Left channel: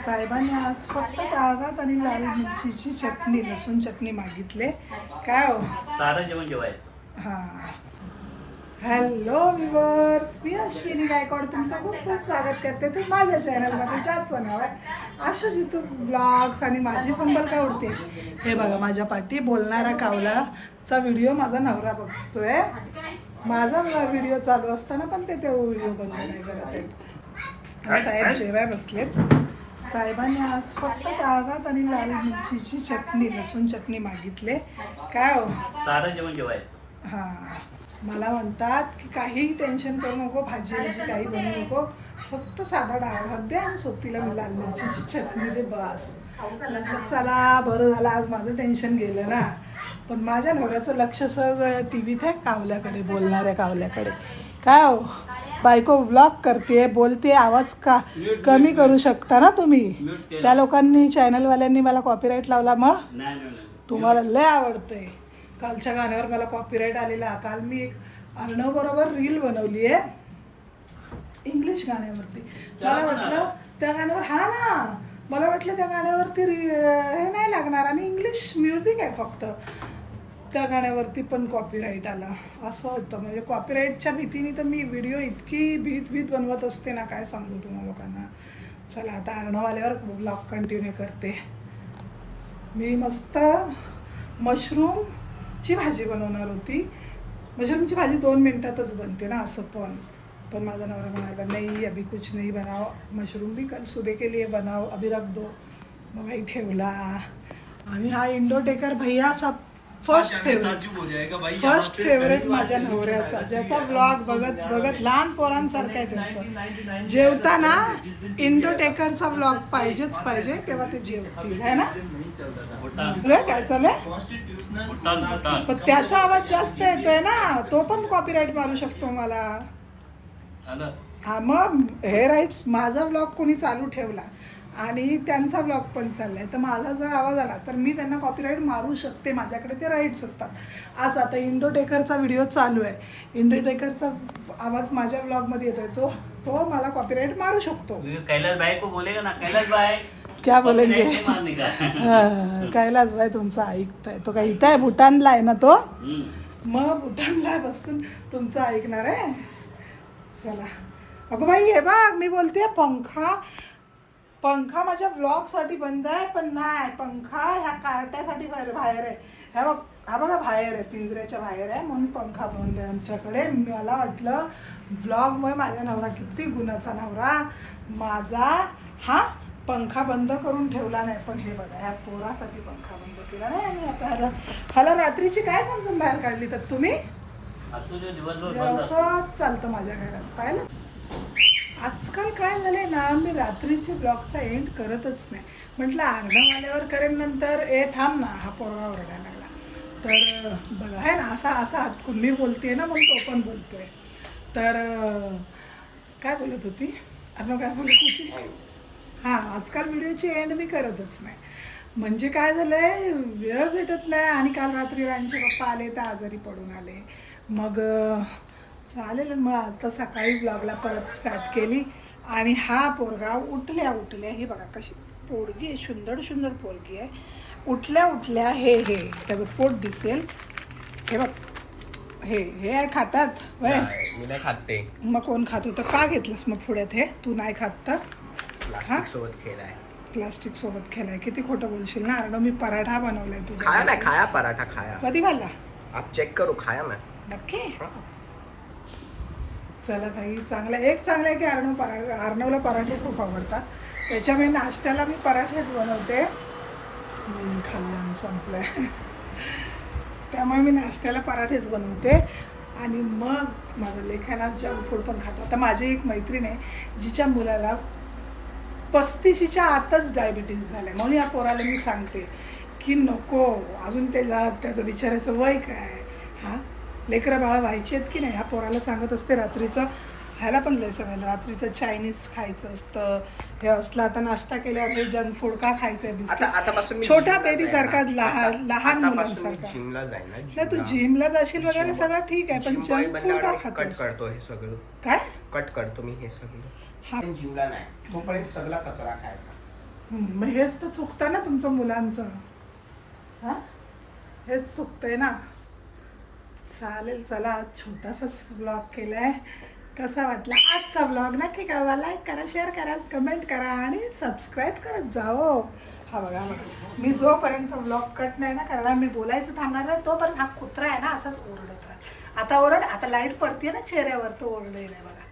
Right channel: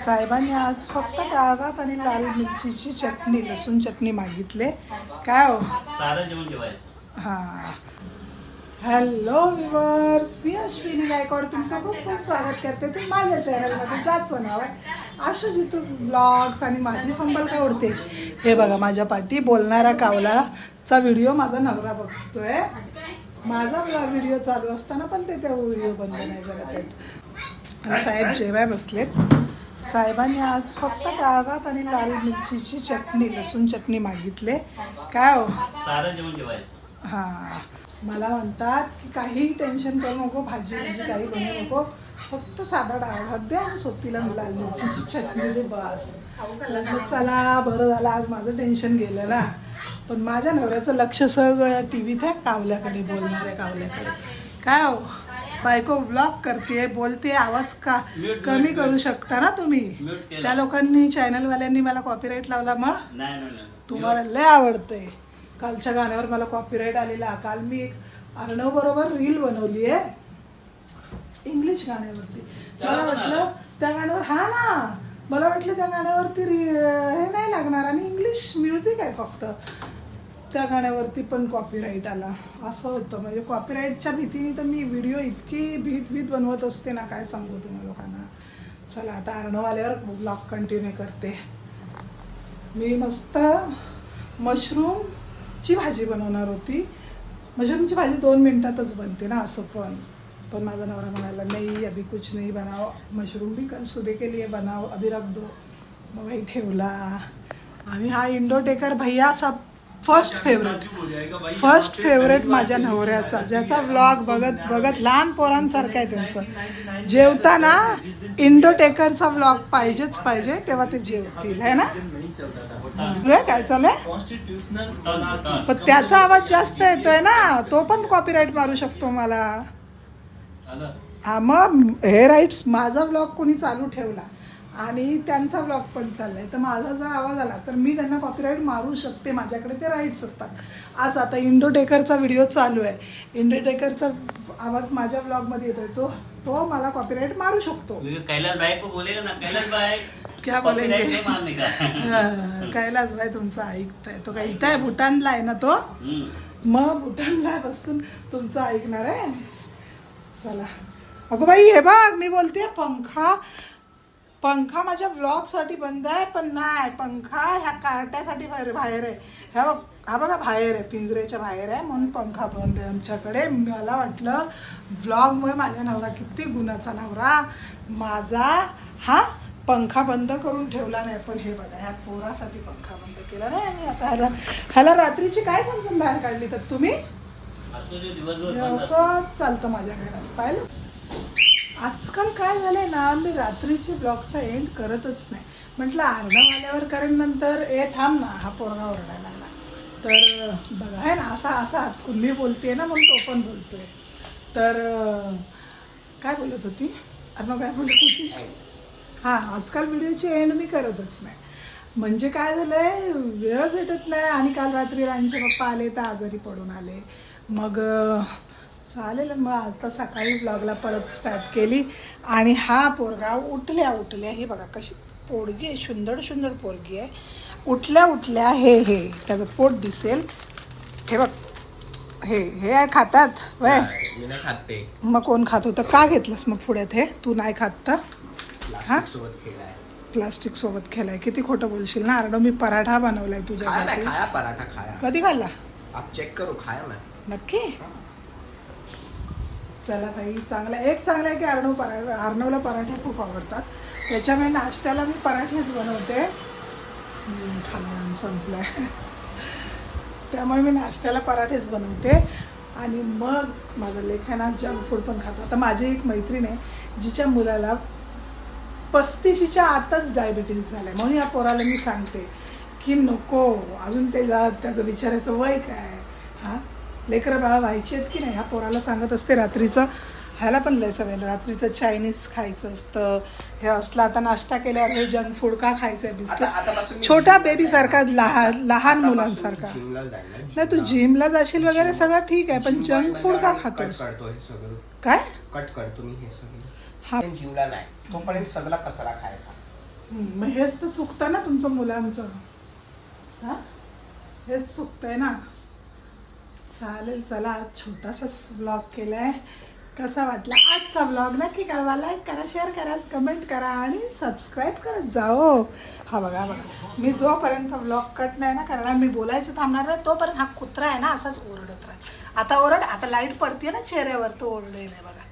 साहेबांनी आज फक्त डाळ भात आणि लाल मिरचीची चटणी, लसूण चटणी मागितले. काय हो, साधं जेवण जेवायचं. हां. हॅलो व्ह्युअर्स, मी अश्विनी गायकवाड तुमचं खूप खूप स्वागत करते. तुम्ही माझ्या चॅनलमध्ये ज्याचं नाव आहे आशू जितू ब्लॉग्स आणि माझी फंबल काय उडते. हे बघा माझ्या पाठी बोलणारा कावलाचा व्हिडिओ माझा नवरा बघतोय. माझा व्हिडिओ चालू असताना पण ते व्हिडिओ बंद नाही करत आहेत. साहेब जेवाय बसलेत. साहेबांनी आज फक्त डाळ भात आणि लाल मिरचीची चटणी, लसूण चटणी मागितले. काय हो, साधं जेवण जेवायचं. हां. मला म्हणतात की काहीही टेन्शन करू नको, भाजी काही बनवू नको, फक्त साधा डाळ भात दे आणि सोबतीला लाल मिरचीची चटणी दे, बस. म्हटलं चला बरं झालं, आज माझं टेन्शन गेलं ना. पण माझ्या नवऱ्याचं लक्ष सगळं टी व्हीत आहे, कावल्याकडे, बोलणाऱ्या कावल्याकडे. काय हो, बायको ब्लॉग करते, बोलते, आवाज का कमी करू शकता ना तुम्ही. त्या लोकांनी, चॅनलवाल्यांनी मला कॉपीराईट लावला. मग तुम्हाला लय आवडतंय. कालच्या गाण्यावर मला कॉपीराईट आलेला. काल मी एक अर्णव बरोबर रील बनवली आहे इंग्लिश गाण्यावरती. मला वाटलं त्या गाण्यावर, हा ना, मला वाटलं त्या गाण्यावरती हे नाही लागणार आणि इंग्लिश म्युझिक आहे फक्त. त्या गाण्यावरती पण कॉपीराईट आला. असं होतं. म्हणजे कॉपीराईटच्या भीतीने तर मी व्हिडिओ इतकी भीत बनवत असते ना, काय सांगू तुम्हाला लोकांना. चला आता अर्णव आल्यावर ब्लॉग कंटिन्यू करते. मी मस्त मशरूमची भाजी बनवणार होती. मशरूमची भाजी 2 मिनटातच बनते ना, असं पण माझा नवरा म्हणाला नाही अभी कुछ नहीं बनाओ, मशरूम भी कल सुबह के लिए बनाओ, अभी रख दो. मग भाई ठेवला. आणि हा इंडोटेकर भैया सब फर्स्ट फेवरेट माझ्या नवऱ्याचा, ज्याचा व्लॉग बघत लहान पोरांसारखं आहे त्यांचं. जेवताना इंडोटेकरचा व्लॉग पाहिजेच पाहिजे, तेव्हा ते जेवतील, है ना. काय चालू पण त्याचा आवाज जास्त येतोय ना, तो पण कॉपीराईट मारू शकतो मला. हा, मग हे राईट्स, माझा व्लॉग कोणी चालू ठेवला आणि त्यांचा व्लॉग पण चाललाय, तर माझा जर आवाज आला तर मी त्यांना कॉपीराईट मारू शकते. माझ्याकडे ते राईट्स असतात. आज आता इंडोटेकरचा व्हिडिओ चालू आहे, इंडोटेकरचा आवाज माझ्या व्लॉगमध्ये येतोय, तो मला कॉपीराईट मारू शकतो. कैलाश भाई को बोलेगा ना, कैलाश भाई क्या बोलेंगे. कैलाश भाई तुमचा ऐकताय, तो काय इथं आहे, भूटानला आहे ना तो. मग भूटानला बसून तुमचं ऐकणार आहे. चला अगो बाई, हे बघ मी बोलते, पंखा माझ्या ब्लॉगसाठी बंद आहे. पण नाही, पंखा ह्या कार्ट्यासाठी बाहेर आहे. हा बघा बाहेर आहे, पिंजऱ्याच्या बाहेर आहे, म्हणून पंखा बंद आहे आमच्याकडे. मला वाटलं व्लॉगमुळे माझ्या नवरा किती गुणाचा नवरा माझा, हा पंखा बंद करून ठेवला नाही. पण हे बघा, ह्या पोरासाठी पंखा बंद केला नाही. आणि आता ह्याला रात्रीची काय समजून बाहेर काढली तर तुम्ही. असंच चालतं माझ्या घरात. पाहिलं आजकाल काय झालंय ना, मी रात्रीची ब्लॉगचा एंड करतच नाही. म्हटलं अर्णव आल्यावर करेन नंतर. थांब ना, हा पोरगा ओरडायला लागला. तर बघा आहे ना, असा मी बोलते ना, म्हणून तो पण बोलतोय. तर काय बोलत होती अर्णव, काय बोलत होती. हां, आजकाल व्हिडिओची एंड मी करतच नाही. म्हणजे काय झालं आहे, वेळ भेटत नाही. आणि काल रात्री राणीचे पप्पा आले तर आजारी पडून आले. मग चालेल, मग आता सकाळी ब्लॉगला परत स्टार्ट केली. आणि हा पोरगा उठल्या हे बघा कशी पोरगी आहे, सुंदर पोरगी आहे. उठल्या हे त्याचं पोट दिसेल. हे बघ, हे खातात वय. खाते. मग कोण खात होतं, का घेतलंस मग पुढ्यात हे, तू नाही खात तर. हा, प्लास्टिक सोबत खेळाय. किती खोटं बोलशील ना अर्णव. मी पराठा बनवलाय तुझ्या. खाया पराठा खाया. कधी खाल्ला. आप चेक करो, खाया मैं नक्की. चला भाई, चांगलं आहे की अर्णवला पराठे खूप आवडतात. त्याच्यामुळे नाश्त्याला मी पराठेच बनवते. खाल्लं संपलं त्यामुळे मी नाश्त्याला पराठेच बनवते. आणि मग माझं लेखाना जंक फूड पण खातो. आता माझी एक मैत्रीण आहे जिच्या मुलाला 35च्या आतच डायबिटीस झालं आहे. म्हणून या पोराला मी सांगते की नको, अजून त्याचं विचारायचं वय काय. हां, लेकरं बाळा व्हायची आहेत की नाही. ह्या पोराला सांगत असते रात्रीचं, ह्याला पण लय सवय, रात्रीचं चायनीज खायचं असतं. हे असलं आता नाश्ता केल्यावर हे जंक फूड का खायचं आहे, बिस्किट. छोटा बेबीसारखा, लहान मुलांसारखा. नाही, तू जिमला जाशील वगैरे सगळं ठीक आहे, पण जंक फूड का खातोस. काय कट करतो मी हे सगळं. हा, जिमला नाही तोपर्यंत सगळा कचरा खायचा. मग हेच तर चुकतं ना तुमचं मुलांचं. हां हेच चुकतंय ना. चालेल चला, छोटासाच ब्लॉग केला आहे. कसा वाटला आजचा ब्लॉग नक्की कळवा, लाईक करा, शेअर करा, कमेंट करा आणि सबस्क्राईब करत जा हो. हा बघा मी जोपर्यंत ब्लॉग कट नाही ना करणार, मी बोलायचं थांबणार नाही तोपर्यंत हा कुत्रा आहे ना असाच ओरडत राहत. आता ओरड, आता लाईट पडते ना चेहऱ्यावर, तो ओरडेल आहे बघा.